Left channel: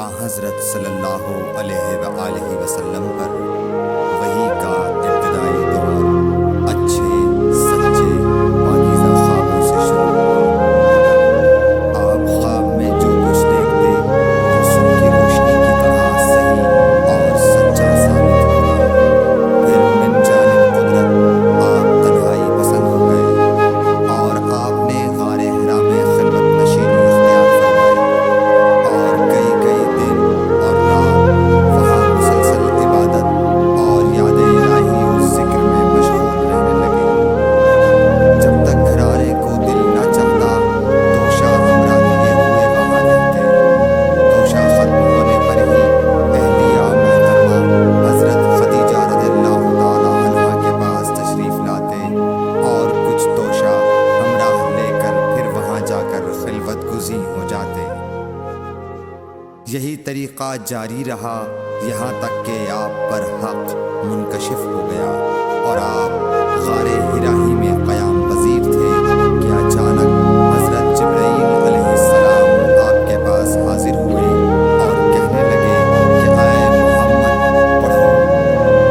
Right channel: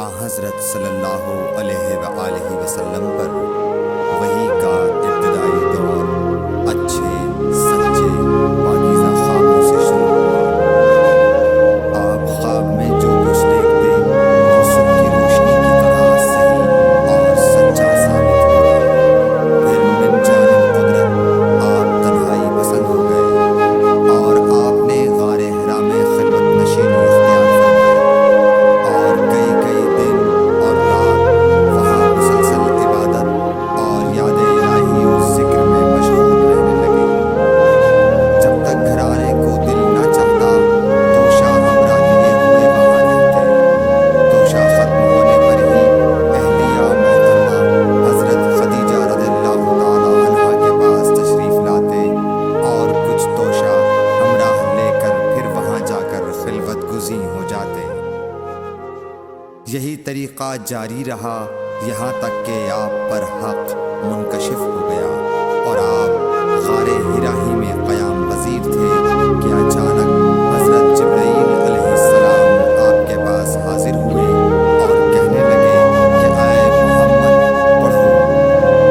حضرت صلی اللہ علیہ وآلہ وسلم پر وحی کا ابتدائی دور اچھے سچے پاکیزہ خوابوں سے شروع ہوا۔ آپ خواب میں جو کچھ دیکھتے وہ صبح کی روشنی کی طرح صحیح اور سچا ثابت ہوتا۔ پھر من جانب قدرت آپ تنہائی پسند ہو گئے اور آپ نے غار حرا میں خلوت نشینی اختیار فرمائی اور کئی دن اور رات وہاں مسلسل عبادت اور یاد الہی و ذکر میں مشغول رہنے لگے۔ جب تک گھرانے کو دل نہ چاہتا توشہ ہمراہ لیے ہوئے وہاں رہتے۔ توشہ ختم ہونے پر ہی اہلیہ محترمہ حضرت خدیجہ رضی اللہ تعالی عنہا کے پاس تشریف لاتے اور کچھ توشہ ہمراہ لے کر پھر وہاں جا کر خلوت گزین ہو جاتے۔ یہی طریقہ جاری رہا یہاں تک کہ آپ پر حق منکشف ہو گیا اور آپ غار حرا ہی میں قیام پذیر تھے کہ اچانک حضرت جبرائیل علیہ السلام آپ کے پاس حاضر ہوئے اور کہنے لگے کہ اے محمد پڑھو۔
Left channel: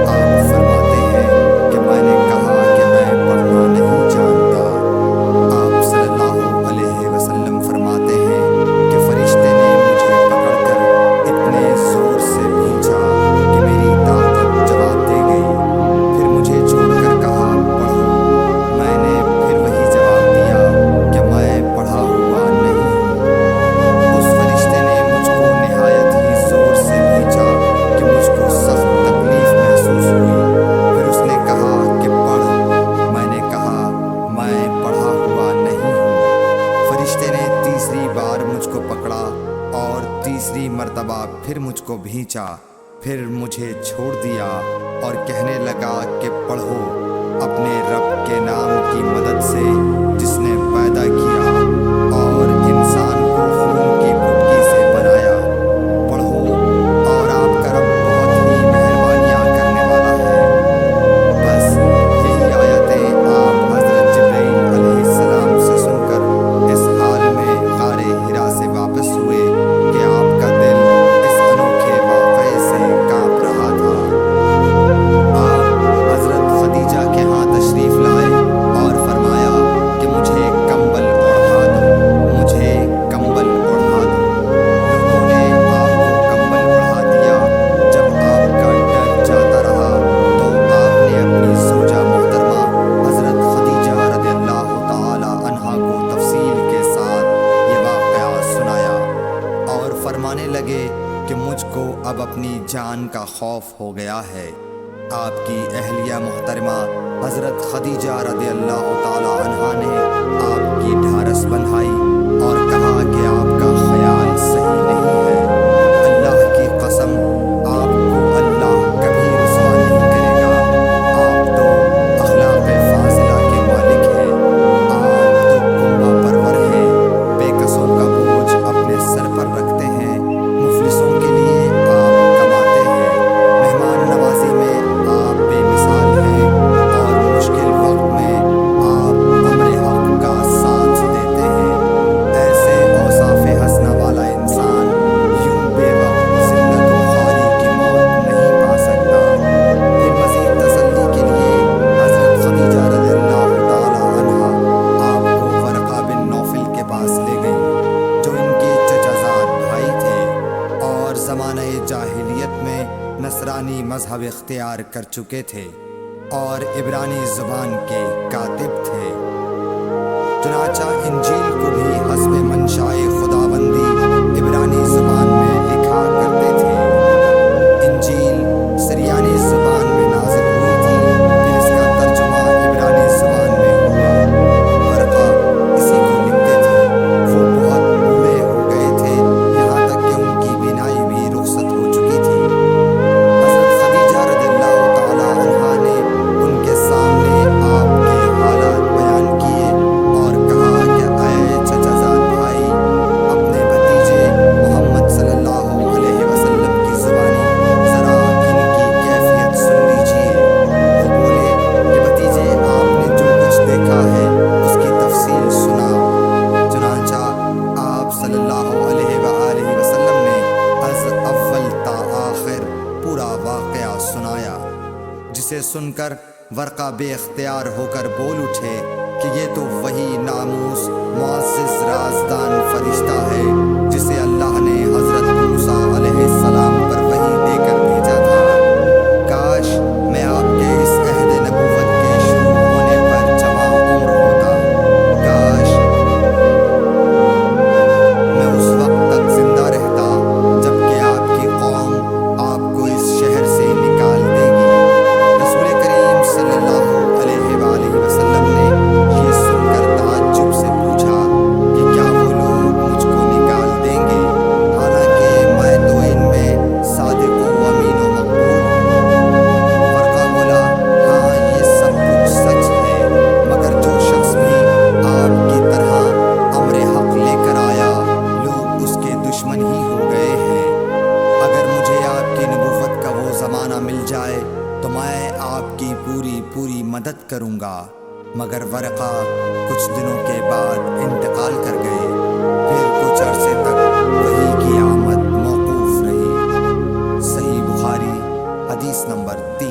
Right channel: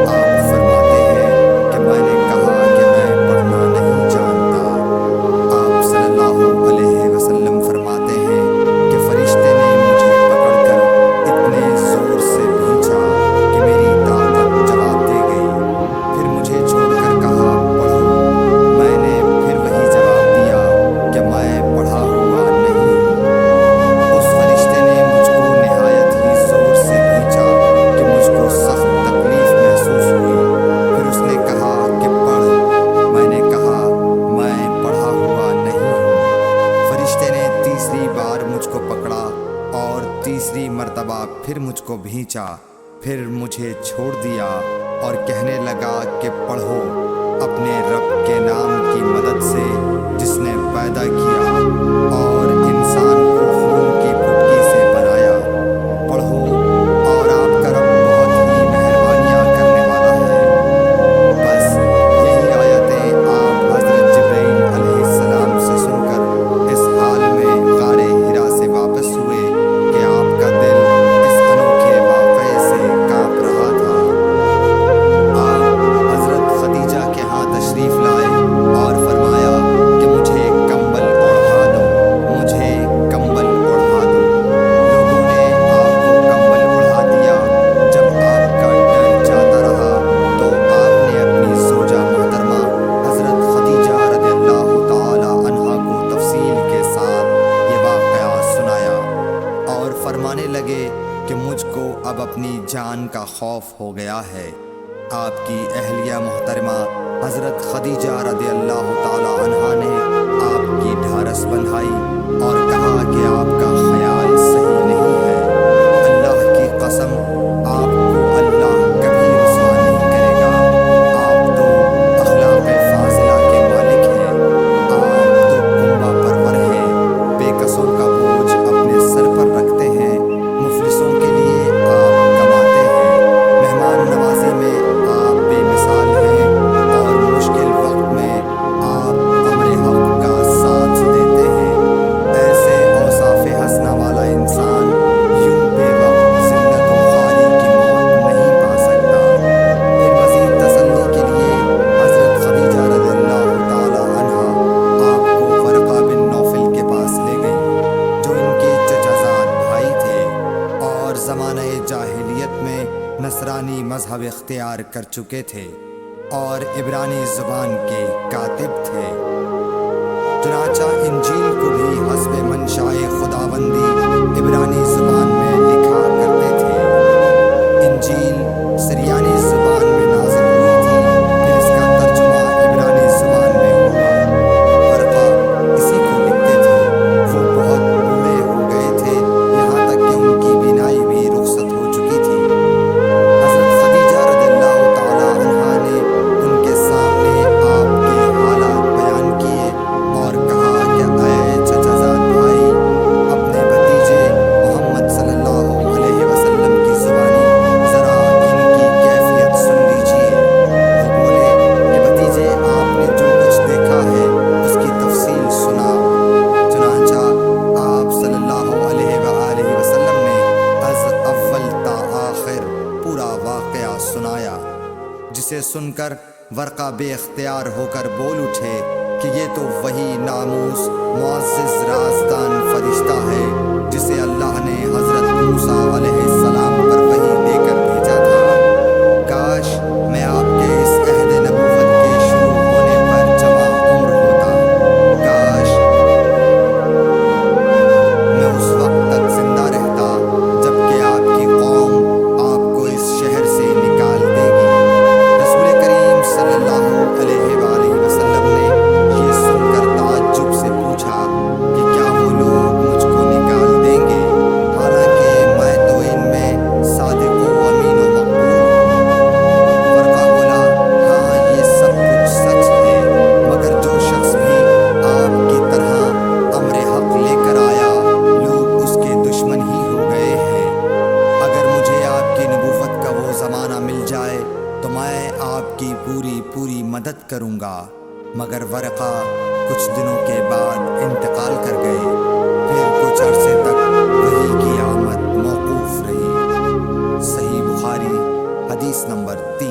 آپ فرماتے ہیں کہ میں نے کہا کہ میں پڑھنا نہیں جانتا۔ آپ صلی اللہ علیہ وسلم فرماتے ہیں کہ فرشتے نے مجھے پکڑ کر اتنے زور سے بھینچا کہ میری طاقت جواب دے گئی۔ پھر مجھے چھوڑ کر کہا پڑھو۔ میں نے پھر وہی جواب دیا کہ میں پڑھا ہوا نہیں ہوں۔ اس فرشتے نے مجھ کو نہایت ہی زور سے بھینچا کہ مجھ کو سخت تکلیف محسوس ہوئی۔ پھر اس نے کہا کہ پڑھ۔ میں نے کہا میں پڑھا ہوا نہیں ہوں۔ فرشتے نے تیسری بار مجھ کو پکڑا اور تیسری مرتبہ پھر مجھ کو بھینچا۔ پھر مجھے چھوڑ دیا اور کہنے لگا کہ پڑھو اپنے رب کے نام کی مدد سے جس نے پیدا کیا اور انسان کو خون کی پھٹکی سے بنایا۔ پڑھو اور آپ کا رب بہت ہی مہربانیاں کرنے والا ہے۔ بس یہی آیتیں آپ حضرت جبرائیل علیہ السلام سے سن کر اس حال میں غار حرا سے واپس ہوئے کہ آپ کا دل اس انوکھے واقعے سے کانپ رہا تھا۔ آپ حضرت خدیجہ کے ہاں تشریف لائے اور فرمایا کہ مجھے کمبل اوڑھا دو، مجھے کمبل اوڑھا دو۔ لوگوں نے آپ کو کمبل اوڑھا دیا۔ جب آپ کا ڈر جاتا رہا تو آپ نے اپنی زوجہ محترمہ حضرت خدیجہ رضی اللہ تعالی عنہا کو تفصیل کے ساتھ یہ واقعہ سنایا اور فرمانے لگے کہ مجھ کو اب اپنی جان کا خوف ہو گیا ہے۔ آپ کی اہلیہ محترمہ حضرت خدیجہ رضی اللہ تعالی عنہا نے آپ کی ڈھارس بندھائی اور کہا کہ آپ کا خیال صحیح نہیں ہے۔ اللہ کی قسم آپ کو اللہ کبھی رسوا نہیں کرے گا۔ آپ تو اخلاق فاضلہ کے مالک ہیں۔ آپ تو کنبہ پرور ہیں، بے کسوں کا بوجھ اپنے سر پر رکھتے ہیں، مفلسوں کے لیے آپ کماتے ہیں، مہمان نوازی میں آپ بے مثال ہیں اور مشکل وقت میں آپ امر حق کا ساتھ دیتے ہیں۔ ایسے اوصاف حسنہ والا انسان یوں بے وقت ذلت و خواری کی موت نہیں پا سکتا۔ پھر مزید تسلی کے لیے حضرت خدیجہ رضی اللہ تعالی عنہا آپ کو ورقہ بن نوفل کے پاس لے گئیں جو ان کے چچا زاد بھائی تھے اور زمانہ جاہلیت میں نصرانی مذہب اختیار کر چکے تھے اور عبرانی زبان کے کاتب تھے۔ چنانچہ انجیل کو بھی حسب منشائے خداوندی عبرانی زبان میں لکھا کرتے تھے۔ انجیل سریانی زبان میں نازل ہوئی تھی، پھر اس کا ترجمہ عبرانی زبان میں ہوا۔ ورقہ اسی کو لکھتے تھے۔ وہ بہت بوڑھے ہو گئے تھے، یہاں تک کہ ان کی بینائی بھی رخصت ہو چکی تھی۔ حضرت خدیجہ رضی اللہ تعالی عنہا نے ان کے سامنے آپ کے حالات بیان کیے اور کہا کہ اے چچا زاد بھائی، اپنے بھتیجے جسے سن کر ورقہ بے اختیار ہو کر بول اٹھے کہ یہ تو وہی ناموس معزز رازدان فرشتہ ہے جسے اللہ نے حضرت موسیٰ علیہ السلام پر وحی دے کر بھیجا تھا۔ کاش میں آپ کے اس عہد نبوت کے شروع ہونے پر جوان عمر ہوتا، کاش میں اس وقت تک زندہ رہتا جب کہ آپ کی قوم آپ کو اس شہر سے نکال دے گی۔ رسول کریم صلی اللہ علیہ وآلہ وسلم نے یہ سن کر تعجب سے پوچھا کہ کیا وہ لوگ مجھ کو نکال دیں گے، حالانکہ میں تو ان میں صادق و امین و مقبول ہوں۔ ورقہ بولا، ہاں یہ سب کچھ سچ ہے، مگر جو شخص بھی آپ کی طرح امر حق لے کر آیا لوگ اس کے دشمن ہی ہو گئے ہیں۔ اگر مجھے آپ کی نبوت کا وہ زمانہ مل جائے تو میں آپ کی پوری مدد کروں گا، مگر ورقہ کچھ دنوں کے بعد انتقال کر گئے۔ پھر کچھ عرصے تک وحی کی آمد موقوف رہی۔ صحیح بخاری حدیث نمبر 3۔